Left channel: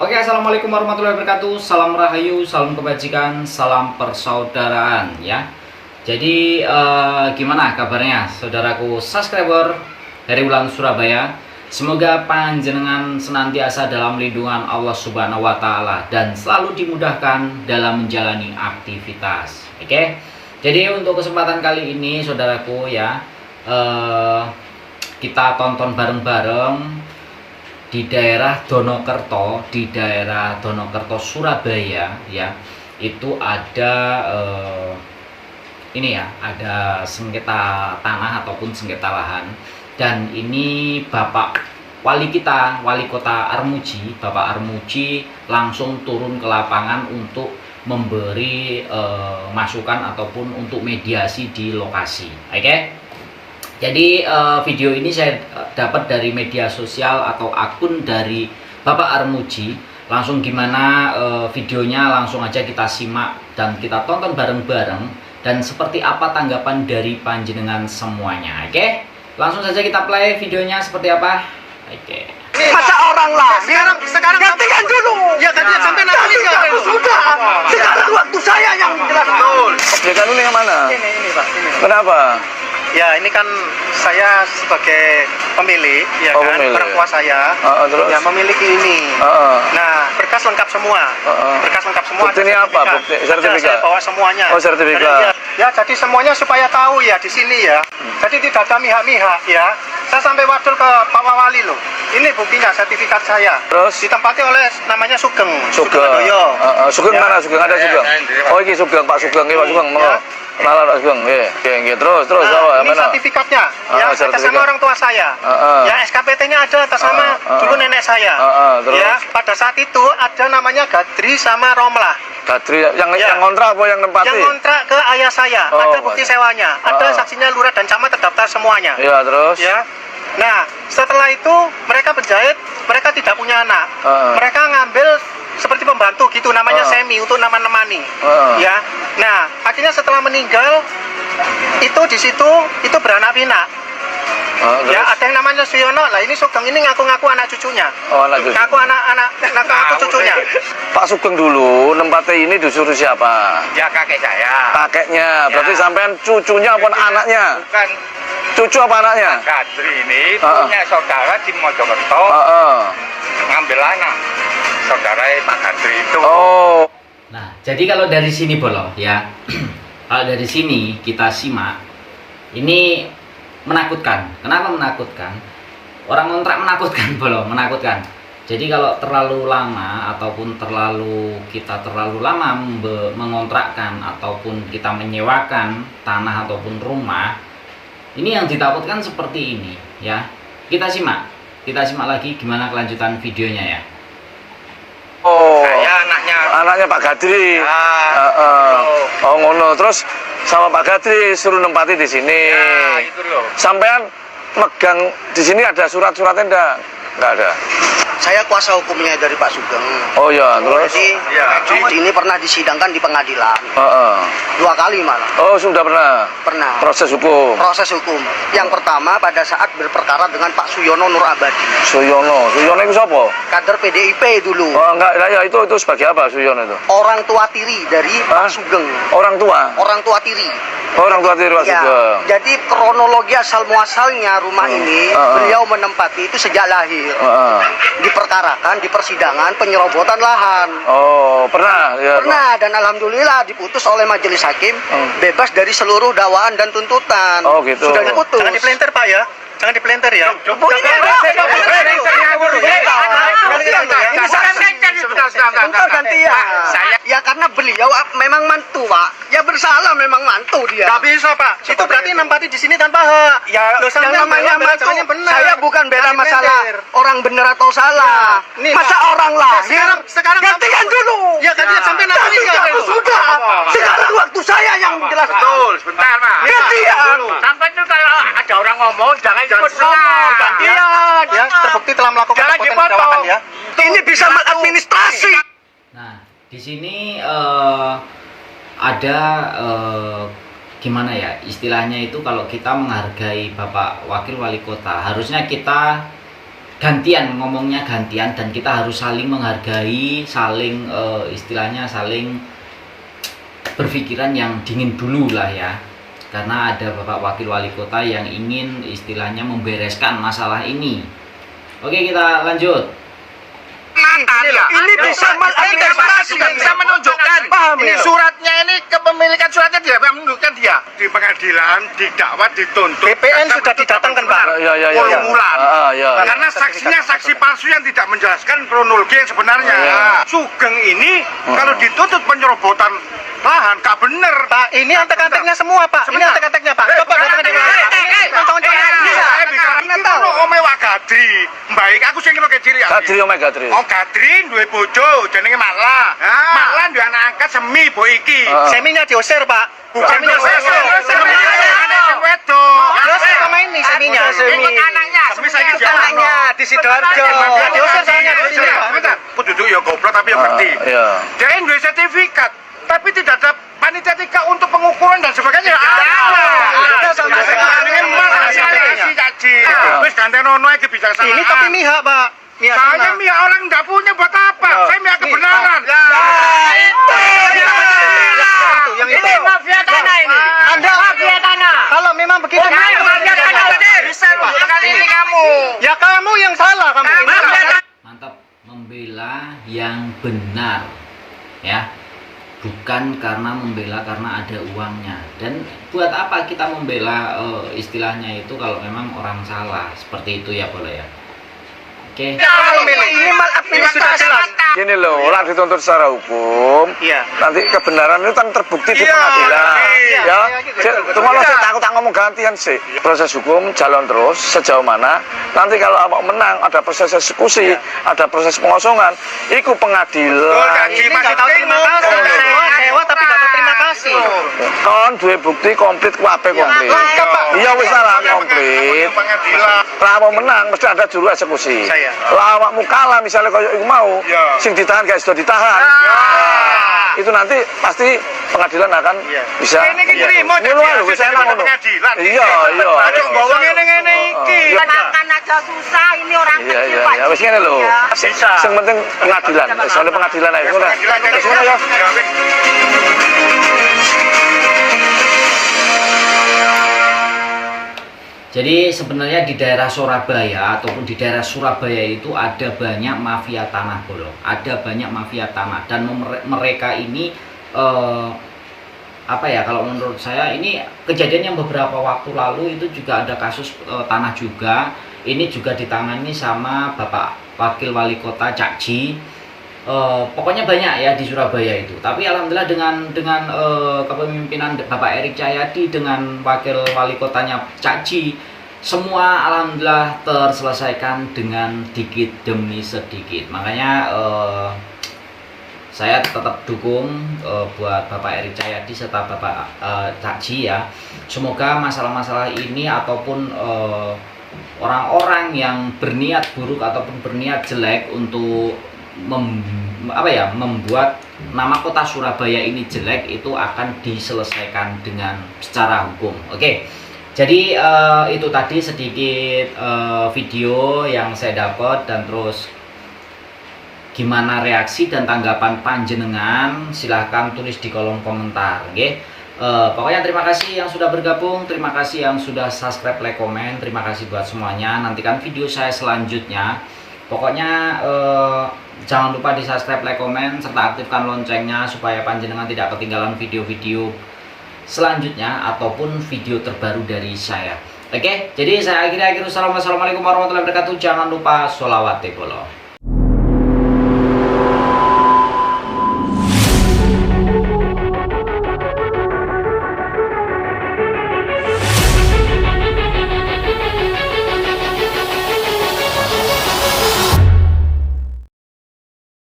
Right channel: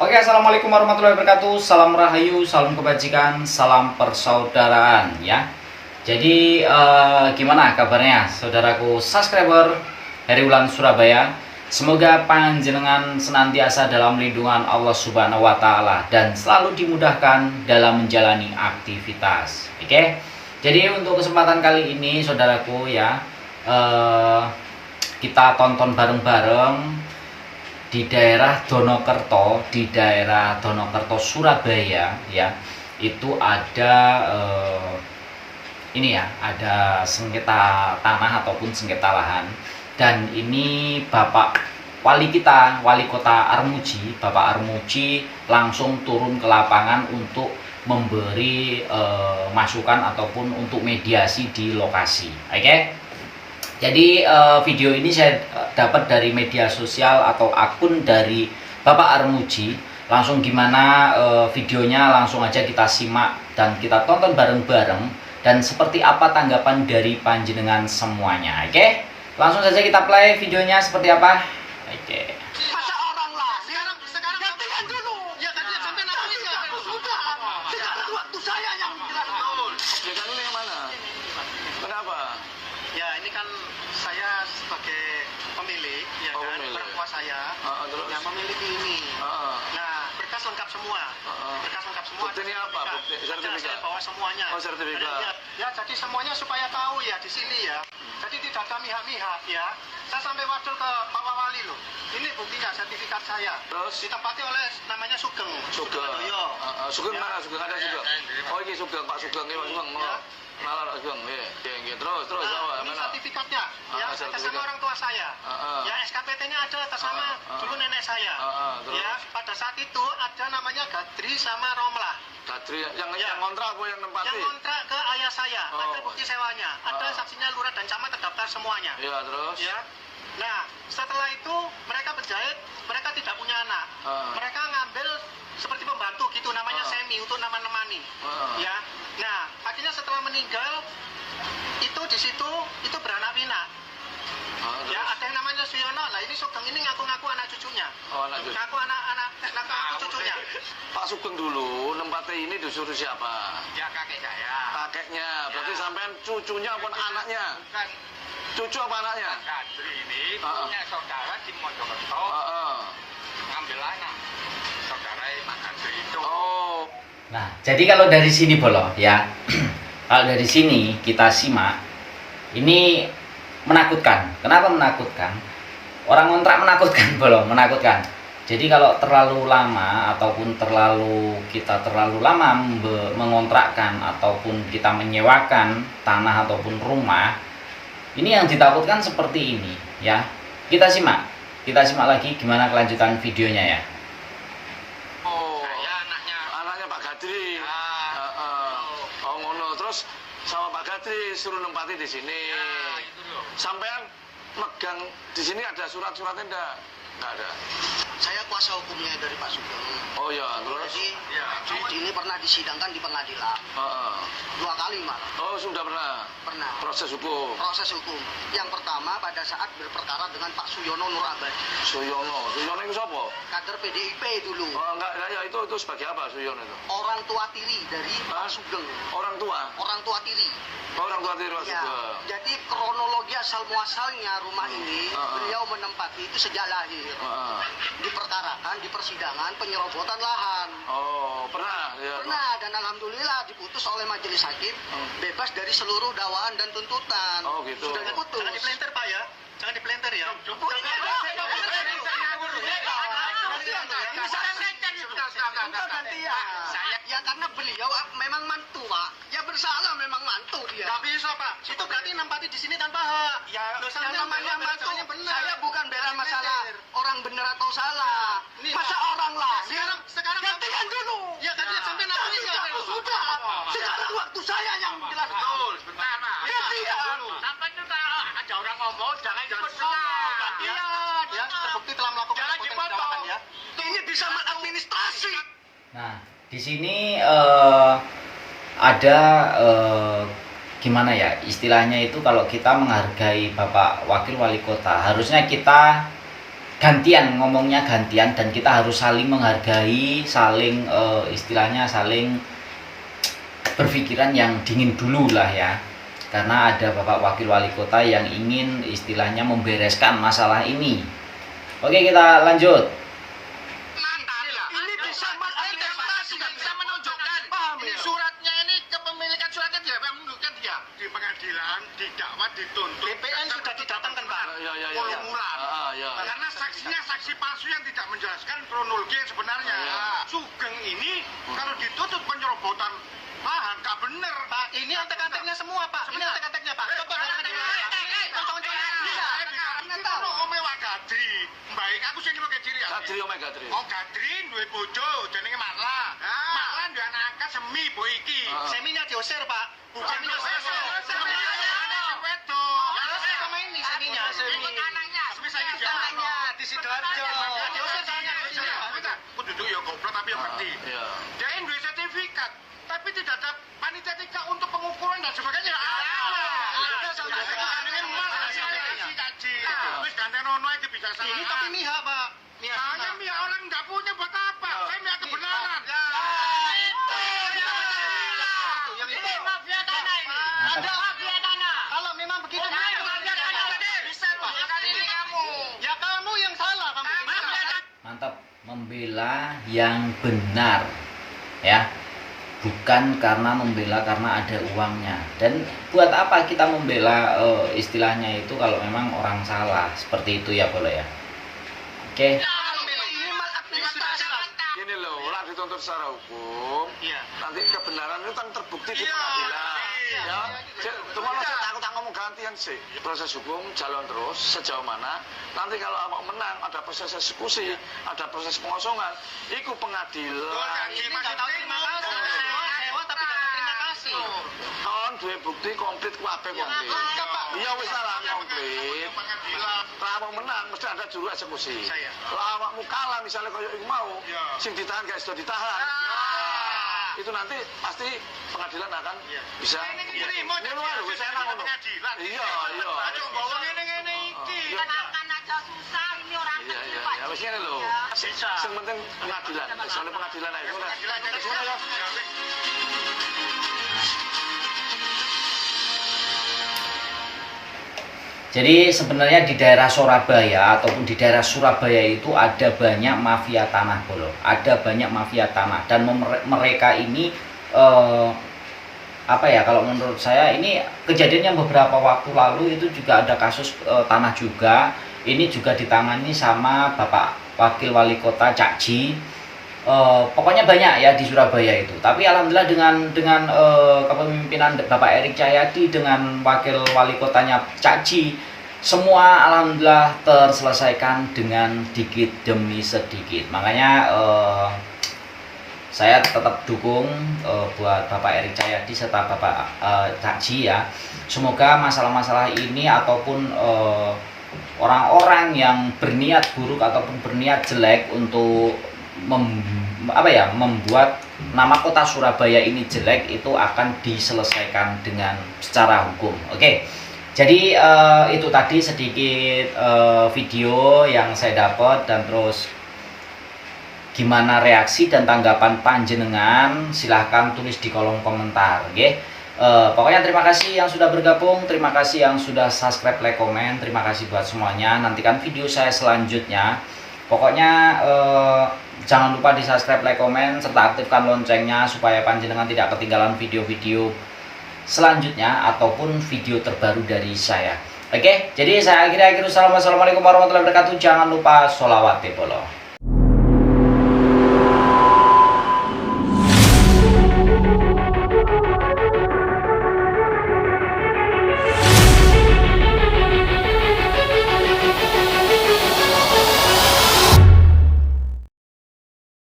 Oke, assalamualaikum warahmatullahi wabarakatuh. Salam rahayu, salam kebajikan, salam persaudaraan ya. Jadi gimana kabarnya saudaraku subscriber Heri Wulan Surabaya? Semoga panjenengan senantiasa dalam lindungan Allah Subhanahu wa taala dan selalu dimudahkan dalam menjalani aktivitas. Oke. Jadi untuk kesempatan kali ini saudaraku ya, kita tonton bareng-bareng di daerah Donokerto, Surabaya ya. Itu ada ini ya, ada sengketa tanah ataupun sengketa lahan. Dan ini Bapak Wali kita, Wali Kota Armuji, Bapak Armuji langsung turun ke lapangan untuk memberi masukan ataupun untuk mediasi di lokasi. Oke. Jadi video ini saya dapat dari media sosial atau akun dari Bapak Armuji. Langsung gimana videonya, langsung aja kita simak dan kita tonton bareng-bareng. Dan seperti apa tanggapan dari panjenengan semuanya. Oke, langsung saja kita play videonya seperti apa. Oke. Masa orang lah. Sekarang gantikan dulu. Ya gantikan sampai nanti sudah. Sekarang waktu saya yang jelas. Betul. Objek ini yang mana? Ini Pak. Ini. Kenapa? Ya ini kan saya sebagai pemilik, ya kan, pemilik. orang tua saya, Terus? yang memiliki ini. Nah, berkas lengkap semua. Berkas lengkap semua. Bukti ini apa? Bukti sertifikat? Saya bawa semuanya. Oh, sertifikat. Ya, jadi semuanya supaya tahu ya di sini ya. Jadi tidak ada mihak-mihak ya. Saya sampai wadul ke Pak Wali loh. Ini buktinya sertifikat saya. Terus? Ditempati oleh namanya Sugeng. Sugeng. Sugeng Ya. mana? Sugeng ada Sugeng. Oh, ini Sugeng, Pak Sugeng, Pak Sugeng. Ya. Kenalan Pak Sugeng. Oke. Terus Nah, apa? ini sertifikatnya ya, atas nama orang tua saya. Ya, SKPT-nya ada atas nama dulu nenek saya. Terus? Ya, pada saat itu ada namanya Gadri sama Romlah. Gadri yang kontrak apa yang nempati? Yang kontrak ke ayah saya, ada bukti sewanya, ada saksinya lurah dan camat terdaftar semuanya. Iya, terus? Ya. Nah, setelah itu mereka penjahit, mereka tidak punya anak. Mereka ngambil seperti pembantu gitu, namanya semi untuk nama-nemani. Ya. Nah, akhirnya setelah meninggal itu di situ itu beranak pinak. Ya, ada yang namanya Suyono. Lah ini Sugeng ini ngaku-ngaku anak cucunya. Oh, anak cucu. Ngaku cucunya. Pak Sugeng dulu nempati ini disuruh siapa? Ya kakek saya. Kakeknya. Berarti Ya. sampean cucunya apa anaknya? Bukan Cucu apa anaknya? Gadri ini punya saudara di Mojokerto ngambil anak saudara Pak Gadri itu. Oh. Nah, jadi kalau dari sini Bolo ya. Kalau dari sini kita simak, ini menakutkan. Kenapa menakutkan? Orang kontrak menakutkan Bolo, menakutkan. Jadi kalau terlalu lama ataupun kita terlalu lama mengontrakkan ataupun kita menyewakan tanah ataupun rumah, ini yang ditakutkan seperti ini ya. Kita simak lagi gimana kelanjutan videonya ya. Oh. Saya Anaknya Pak Gadri. Oh ngono. Terus sama Pak Gadri suruh nempati di sini. Ya itu loh. Sampean megang di sini ada surat-suratnya enggak? Enggak ada. Saya kuasa hukumnya dari Pak Sugeng. Oh ya, terus? Jadi ini pernah disidangkan di pengadilan. 2 kali malah. Oh, sudah pernah Pernah. proses hukum. Proses hukum. Yang pertama pada saat berperkara dengan Pak Suyono Nur Abadi. Suyono itu siapa? Kader PDIP dulu. Oh, enggak, ya itu sebagai apa Suyono itu? Orang tua tiri dari Pak Sugeng. Orang tua. Orang tua tiri. Orang tua tiri Pak Ya, Sugeng. jadi kronologi asal muasalnya rumah ini beliau menempati itu sejak lahir. Diperkarakan di persidangan penyerobotan lahan. Oh, pernah ya. Pernah, dan alhamdulillah diputus oleh majelis hakim bebas dari seluruh dakwaan dan tuntutan. Oh, gitu. Sudah diputus. Jangan dipelenter Pak ya. Jangan dipelenter ya. Entar gantian. Ya karena beliau memang mantu, Pak. Ya bersalah memang mantu dia. Gak bisa Pak. Itu berarti nempati di sini tanpa hak. Ya, yang namanya mantu, saya bukan bela masalah orang benar atau salah. Nih, Masa Pak. orang lahir, Sekarang gantikan dulu. Ya gantikan sampai nanti Sudah. Sekarang waktu saya yang jelas. Betul, sebentar Pak. Gantian. Sampai itu kalau ada orang ngomong jangan ikut ngomong. Gantian. Ya, terbukti telah melakukan Jangan perbuatan dipotong. kejahatan ya. Ini bisa maladministrasi. Nah, di sini ada gimana ya istilahnya itu, kalau kita menghargai Bapak Wakil Wali Kota, harusnya kita gantian ngomongnya gantian, dan kita harus saling menghargai, saling istilahnya saling berpikiran yang dingin dulu lah ya, karena ada Bapak Wakil Wali Kota yang ingin istilahnya membereskan masalah ini. Oke, kita lanjut. Ini bisa maladministrasi, bisa menunjukkan. Ini suratnya, ini kepemilikan suratnya dia menunjukkan dia di pengadilan, didakwa, dituntut. BPN sudah didatangkan, Pak. Pulung-ulan. Karena saksinya saksi palsu yang tidak menjelaskan kronologi yang sebenarnya. Sugeng ini kalau dituntut penyerobotan lahan, gak bener. Pak, ini antek-anteknya semua, Pak. Ini antek-anteknya, Pak. Coba datang di Gadri, baik aku sing kira kecil ya. Gadri omeh Gadri. Oh Gadri duwe bojo jenenge Makla. Makla duwe anak angkat Semi bo iki. Seminya diusir, Pak. Bukan diusir. Semi wedo. Terus sama ini seminya. Ikut anaknya. Semi saiki Anaknya di Sidoarjo. Diusir soalnya di sini, Pak. Bentar, duduk ya goblok tapi ya ngerti. Iya. Dia duwe sertifikat, tapi tidak ada panitia tika untuk pengukuran dan sebagainya. Wis ganten ono iki bijaksana. Ini tapi mihak, Pak. Saya mihak orang enggak punya buat apa? Saya mihak kebenaran. Yang itu mafia tanah ini. Anda mafia tanah. Kalau memang begitu, Mafia tanah bisa kali ini kamu. ya kamu yang salah kamu. Mantap, membela yang benar ya, bukan karena membela karena ada uangnya. Dan buat apa kita membela istilahnya itu kalau memang orang salah seperti itu ya, boleh ya. Oke. Ini maladministrasi. Gini loh, orang dituntut secara hukum, Iya. nanti kebenaran itu kan terbukti di pengadilan. Ya, cuma lo takut ngomong gantian sih. Proses hukum jalan terus sejauh mana. Nanti kalau abang menang, ada proses eksekusi, ada proses pengosongan, itu pengadilan. Ini nggak tahu terima kasih. Sewa tapi nggak tahu terima kasih. Kon duwe bukti komplit kuape komplit. Iya wis lah komplit. Lah mau menang mesti ada juru eksekusi. Lah awakmu kalah misalnya koyo iku mau, sing ditahan gak sudah ditahan. Nah, itu nanti pasti pengadilan akan bisa. Ini ki nrimo lho wis enak ngono. Iya, iya. Aja nggawa ngene-ngene iki. Makan aja susah, ini orang Iya, kecil iya, Pak. iya. Wis ngene lho. Sing penting pengadilan. Soalnya pengadilan ae ngono. Wis ngono ya. Jadi sebenarnya di daerah Surabaya ataupun di daerah Surabaya itu ada banyak mafia tanah, bolong. Ada banyak mafia tanah, dan mereka ini apa ya, kalau menurut saya ini kejadian yang beberapa waktu lalu itu juga ada kasus tanah juga. Ini juga ditangani sama Bapak Wakil Wali Kota Cak Ji. Pokoknya banyak ya di Surabaya itu. Tapi alhamdulillah dengan kepemimpinan Bapak Erik Cahyadi dengan Wakil Wali Kotanya Cak Ji, semua alhamdulillah terselesaikan dengan dikit demi sedikit. Makanya saya tetap dukung buat Bapak Erik Cahyadi serta Bapak Cak Ji ya. Semoga masalah-masalah ini ataupun orang-orang yang berniat buruk ataupun berniat jelek untuk membuat nama kota Surabaya ini jelek itu akan diselesaikan dengan secara hukum. Oke. Jadi itu tadi sedikit video yang saya dapat, dan terus gimana reaksi dan tanggapan panjenengan silahkan tulis di kolom komentar. Oke. Pokoknya terima kasih yang sudah bergabung, terima kasih yang sudah subscribe, like, komen, terima kasih buat semuanya. Nantikan video saya selanjutnya. Pokoknya jangan lupa di subscribe, like, komen, serta aktifkan loncengnya supaya panjenengan tidak ketinggalan video-video selanjutnya ataupun video terbaru dari saya. Oke, jadi saya akhiri. Assalamualaikum warahmatullahi wabarakatuh. Jangan lupa sholawat polo.